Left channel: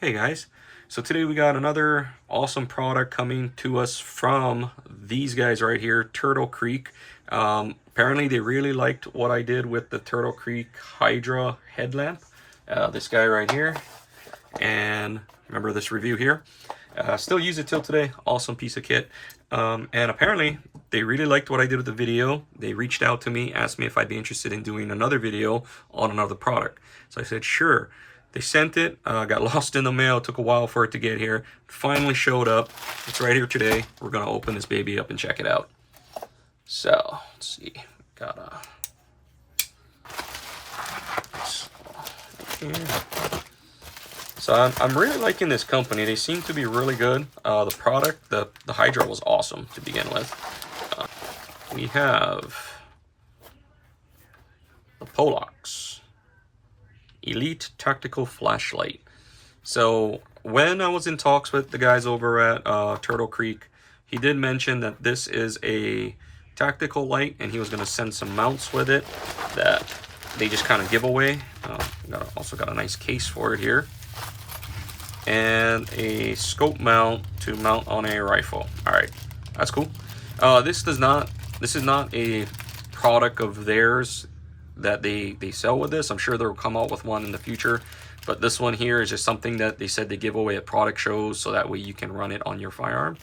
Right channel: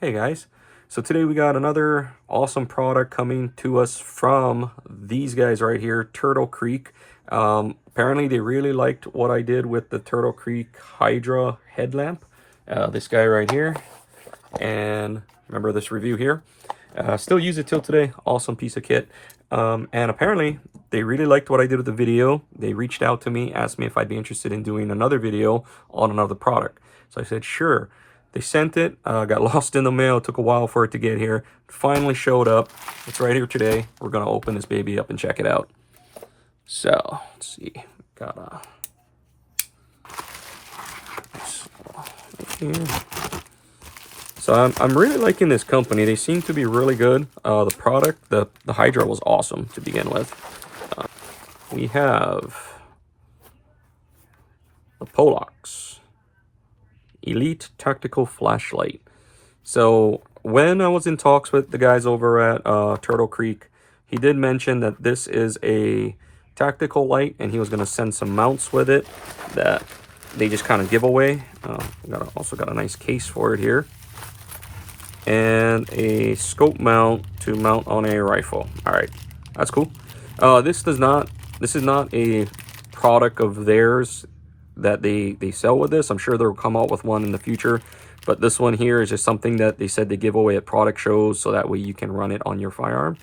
Hey guys, so today we got another awesome product coming to us from these guys right here, Turtle Creek. Apparently they really liked what I did with the Turtle Creek Hydra headlamp. This guy right here, and remember this review here. Still use it till today, awesome piece of kit. And apparently they really liked what I did with the video. They reached out to me, asked me if I'd be interested in doing another video on another product. So I said, sure. They sent it, got lost in the mail, took a while for it to get here. Finally showed up. It's right here today. We're gonna open this baby up and check it out. So, let's see. Got So I'm really liking this company. They seem to be really good. The product, the Hydra was awesome to begin with. We have the Pollux Elite Tactical Flashlight. So when I was in talks with the guys over at Turtle Creek, he did mention that this is a tactical light and he was going to send some mounts with it that they just kind of give away. Also got a nice case for it here. And a scope mount to mount on a rifle. All right, that's cool. This is not a product of theirs that they sell with this. I'm sure they'll come out with one in the future, but this one here is just something that they said they give away at product shows, so that way you can run it on your firearm.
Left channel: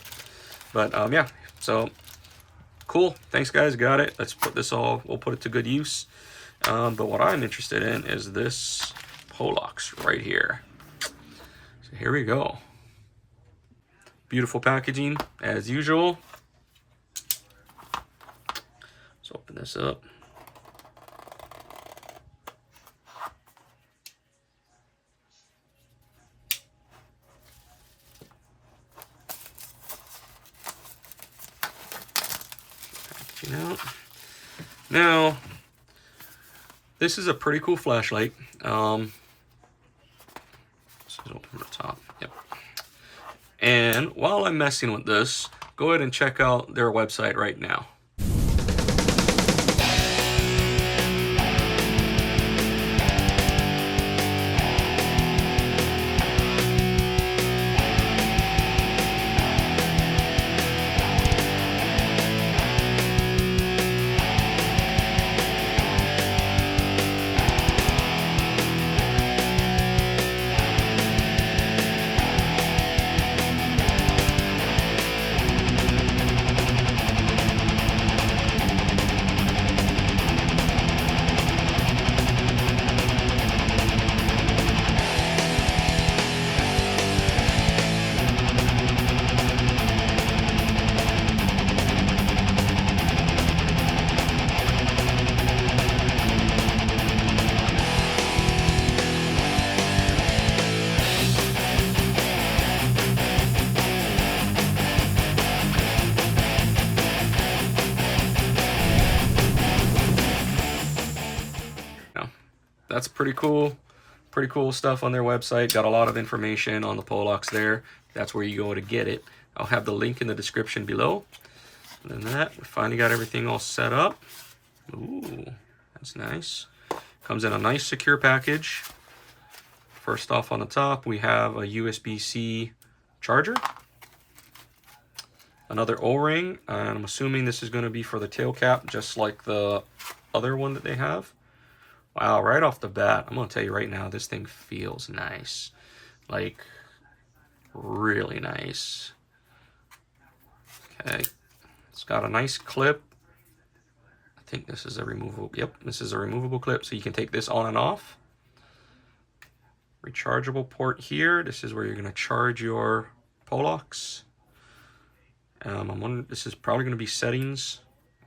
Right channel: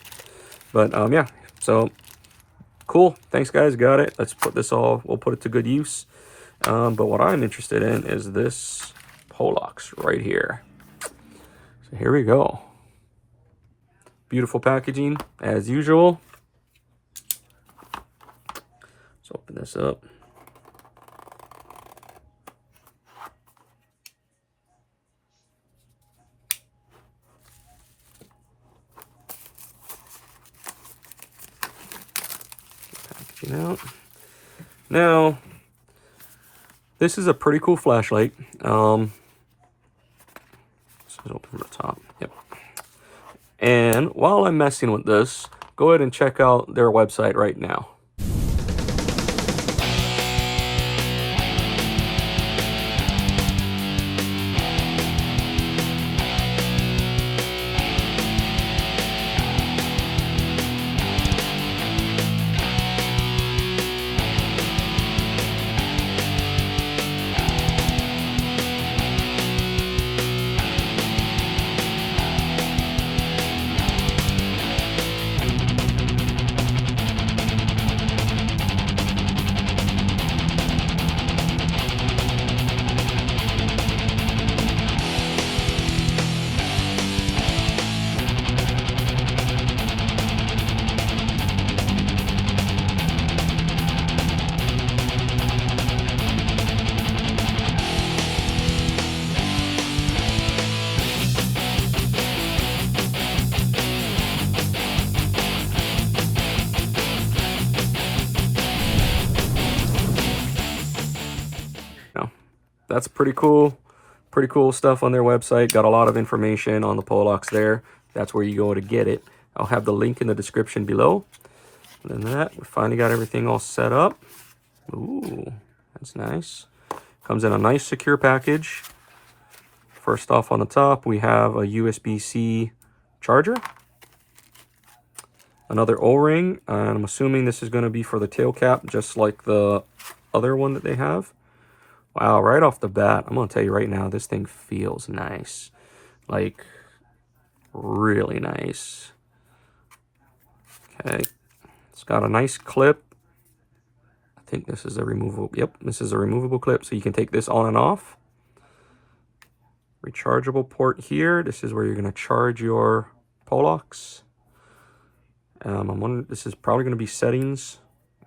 But yeah, so cool. Thanks guys, got it. Let's put this we'll put it to good use. But what I'm interested in is this Pollux right here. So here we go. Beautiful packaging as usual. Let's open this up. Out. Now, this is a pretty cool flashlight. Let's open from the top. Yep. And while I'm messing with this, go ahead and check out their website right now. That's pretty cool stuff on their website. Got a lot of information on the Pollux there. That's where you go to get it. I'll have the link in the description below. And then that, we finally got everything all set up. Ooh, that's nice. Comes in a nice secure package. First off, on the top, we have a USB-C charger. Another O-ring, and I'm assuming this is going to be for the tail cap, just like the other one that they have. Wow, right off the bat, I'm going to tell you right now, this thing feels nice. Like, really nice. Okay, it's got a nice clip. I think this is a removable, yep, this is a removable clip, so you can take this on and off. Rechargeable port here. This is where you're going to charge your Pollux. I'm wondering, this is probably going to be settings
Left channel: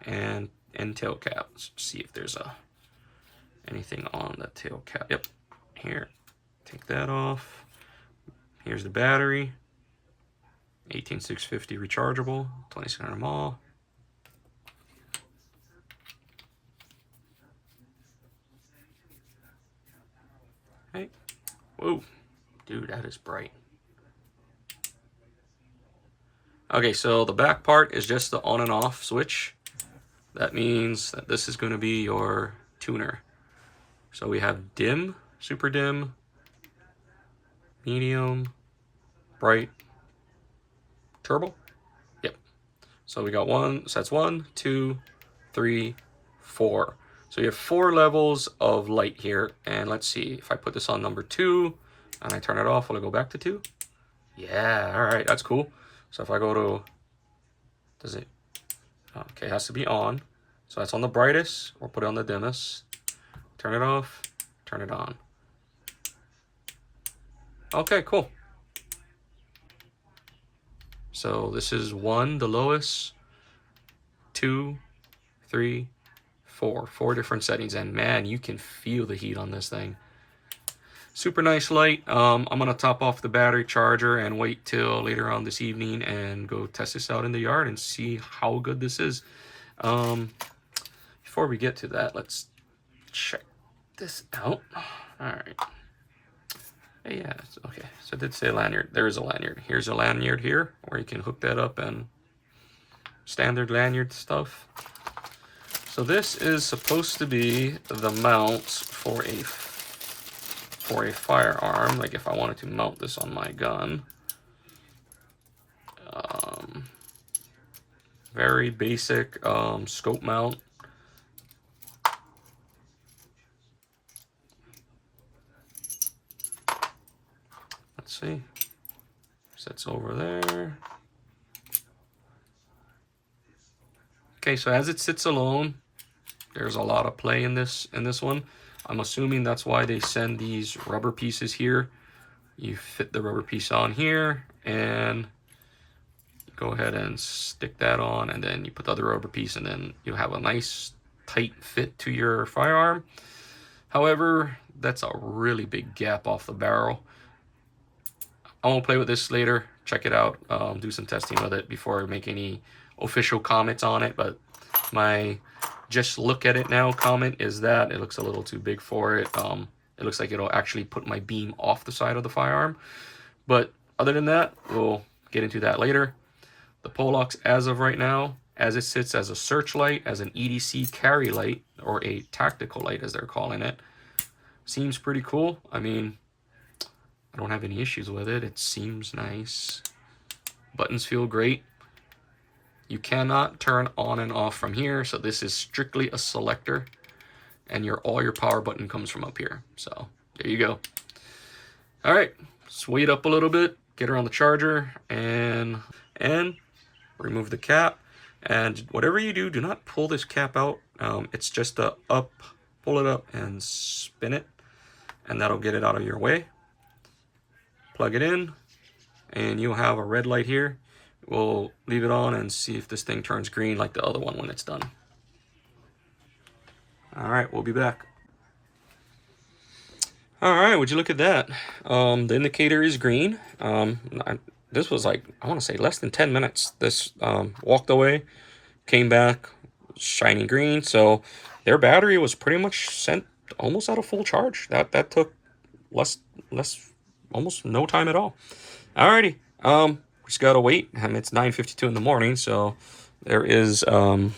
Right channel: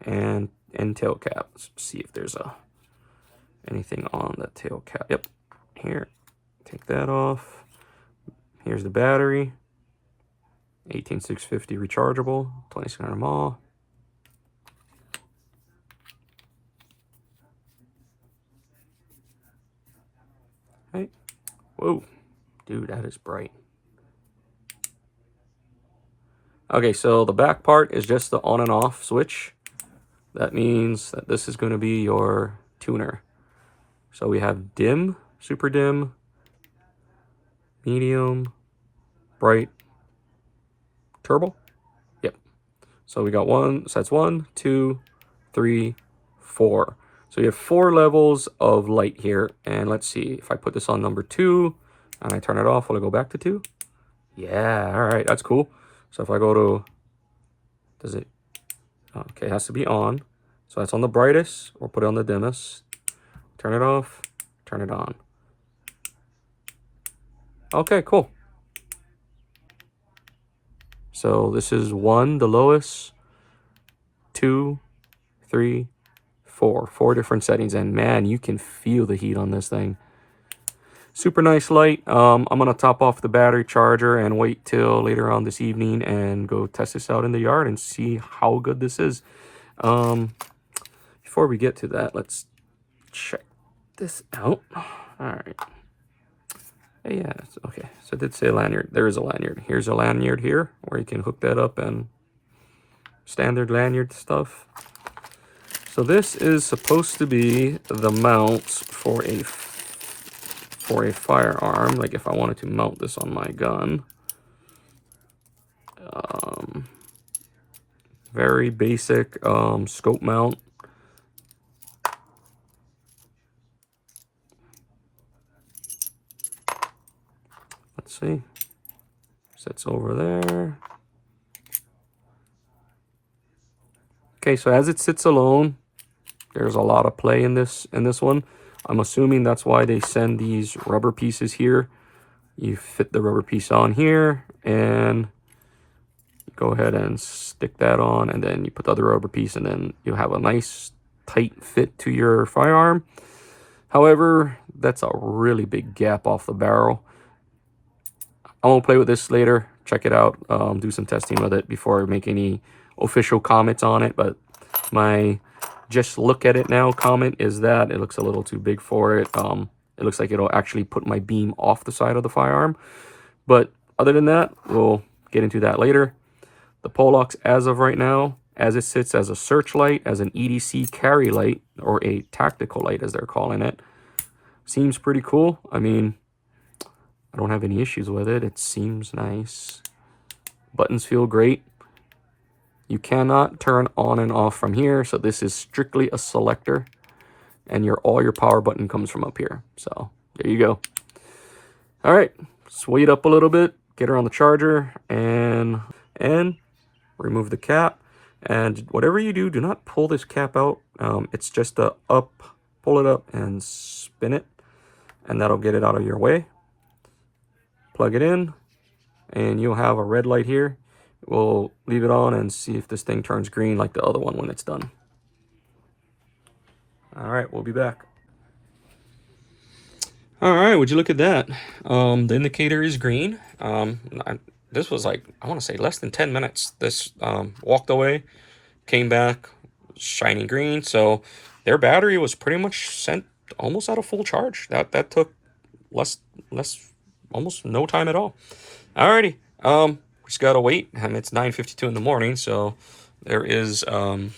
and tail cap. Let's see if there's anything on the tail cap. Yep, here, take that off. Here's the battery, 18650 rechargeable, 2600 mAh. Hey, whoa, dude, that is bright. Okay, so the back part is just the on and off switch. That means that this is going to be your tuner. So we have dim, super dim, medium, bright, turbo. Yep. So we got one, so that's 1, 2, 3, 4. So you have 4 levels of light here. And let's see, if I put this on number 2 and I turn it off, will it go back to 2? Yeah, all right, that's cool. So if I go to, does it, okay, it has to be on. So that's on the brightest, or put it on the dimmest. Turn it off, turn it on. Okay, cool. So this is 1, the lowest, 2, 3, 4. 4 different settings, and man, you can feel the heat on this thing. Super nice light. I'm gonna top off the battery charger and wait till later on this evening and go test this out in the yard and see how good this is. Before we get to that, let's check this out. All right. Yeah, okay. So it did say lanyard. There is a lanyard. Here's a lanyard here where you can hook that up, and standard lanyard stuff. So this is supposed to be the mount for a firearm. Like if I wanted to mount this on my gun. Very basic scope mount. Let's see. Sits over there. Okay, so as it sits alone, there's a lot of play in this one. I'm assuming that's why they send these rubber pieces here. You fit the rubber piece on here and go ahead and stick that on, and then you put the other rubber piece, and then you have a nice tight fit to your firearm. However, that's a really big gap off the barrel. I won't play with this later. Check it out. Do some testing with it before I make any official comments on it. But my just look at it now comment is that it looks a little too big for it. It looks like it'll actually put my beam off the side of the firearm. But other than that, we'll get into that later. The Pollux, as of right now, as it sits as a searchlight, as an EDC carry light, or a tactical light as they're calling it, seems pretty cool. I mean, I don't have any issues with it. It seems nice. Buttons feel great. You cannot turn on and off from here, so this is strictly a selector, and all your power button comes from up here. So there you go. All right, sway up a little bit, get her on the charger, and remove the cap. And whatever you do, do not pull this cap out. It's just a up, pull it up and spin it, and that'll get it out of your way. Plug it in, and you'll have a red light here. We'll leave it on and see if this thing turns green like the other one when it's done. All right, we'll be back. All right, would you look at that? The indicator is green. This was like, I want to say less than 10 minutes. This walked away, came back, shining green. So their battery was pretty much sent almost out of full charge. That took less, almost no time at all. Alrighty, we just gotta wait. It's 9:52 in the morning, so there is a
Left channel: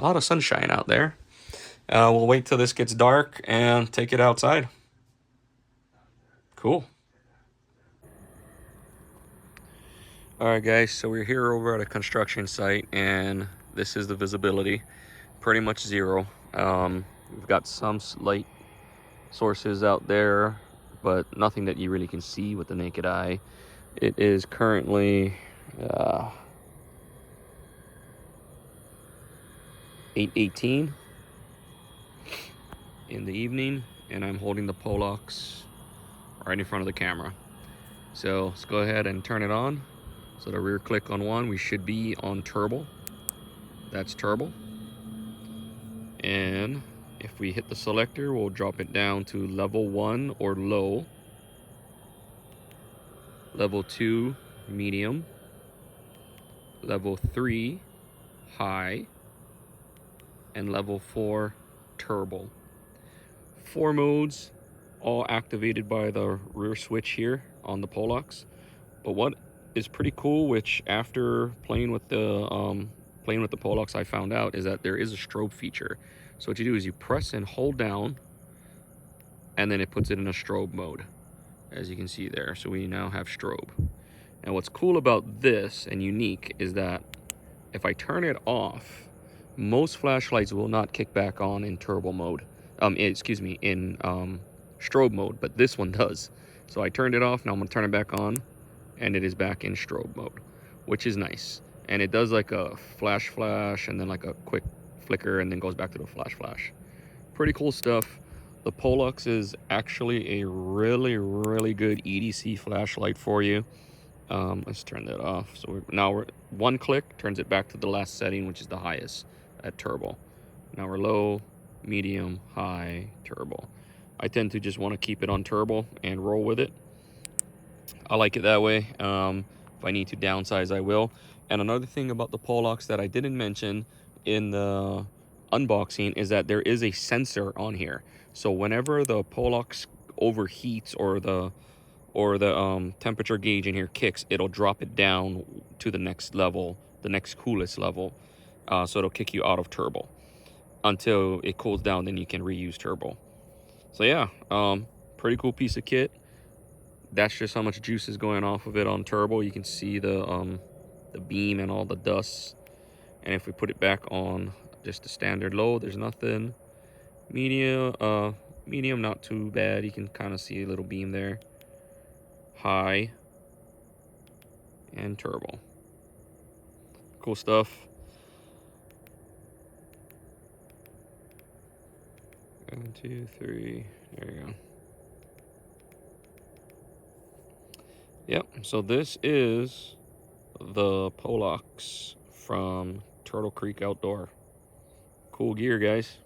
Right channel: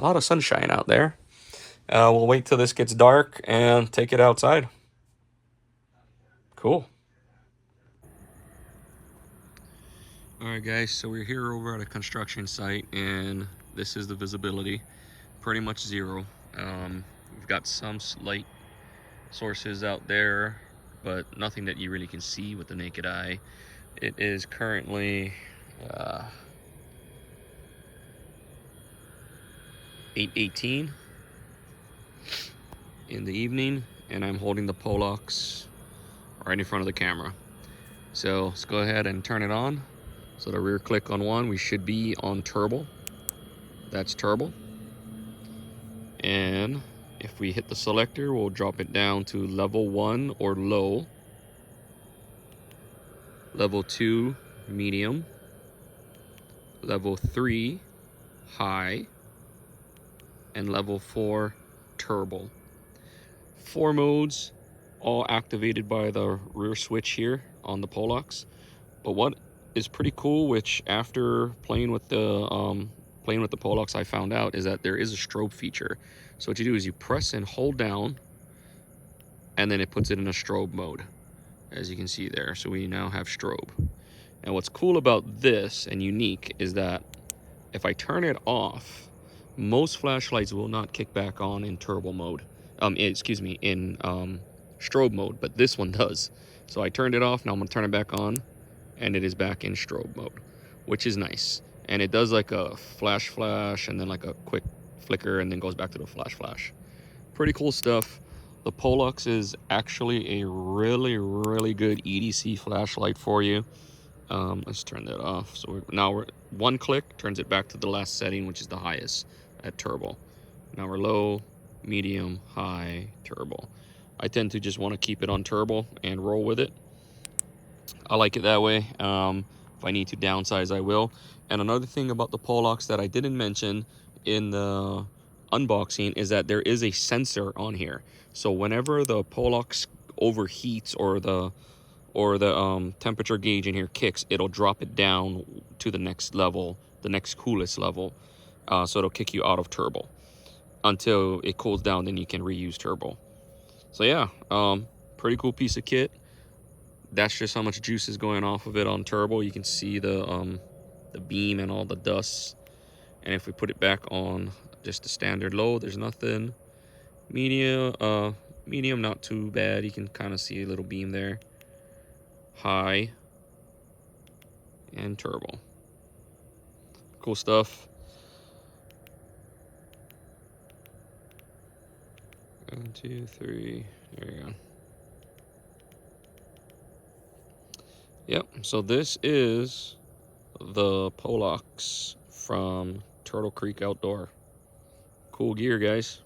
lot of sunshine out there. We'll wait till this gets dark and take it outside. Cool. All right, guys, so we're here over at a construction site, and this is the visibility. Pretty much zero. We've got some light sources out there, but nothing that you really can see with the naked eye. It is currently 8:18 in the evening, and I'm holding the Pollux right in front of the camera. So let's go ahead and turn it on. So the rear click on one, we should be on turbo. That's turbo. And if we hit the selector, we'll drop it down to level 1 or low, level 2 medium, level 3 high, and level 4 turbo. 4 modes, all activated by the rear switch here on the Pollux. But what is pretty cool, which after playing with the Pollux I found out, is that there is a strobe feature. So what you do is you press and hold down, and then it puts it in a strobe mode. as you can see there. So we now have strobe. And what's cool about this and unique is that if I turn it off, most flashlights will not kick back on in turbo mode. Excuse me, in strobe mode, but this one does. So I turned it off, now I'm gonna turn it back on, and it is back in strobe mode, which is nice. And it does like a flash, and then like a quick flicker, and then goes back to the flash. Pretty cool stuff. The Pollux is actually a really good EDC flashlight for you. Let's turn that off. So now we're one click turns it back to the last setting, which is the highest at turbo. Now we're low, medium, high, turbo. I tend to just want to keep it on turbo and roll with it. I like it that way. If I need to downsize, I will. And another thing about the Pollux that I didn't mention in the unboxing is that there is a sensor on here. So whenever the Pollux overheats or the temperature gauge in here kicks, it'll drop it down to the next level, the next coolest level. So it'll kick you out of turbo until it cools down, then you can reuse turbo. So yeah, pretty cool piece of kit. That's just how much juice is going off of it on turbo. You can see the beam and all the dust. And if we put it back on just the standard low, there's nothing. Medium, medium, not too bad. You can kind of see a little beam there. High and turbo. Cool stuff. 1, 2, 3. There you go. Yep, so this is the Pollux from Turtle Creek Outdoor. Cool gear, guys.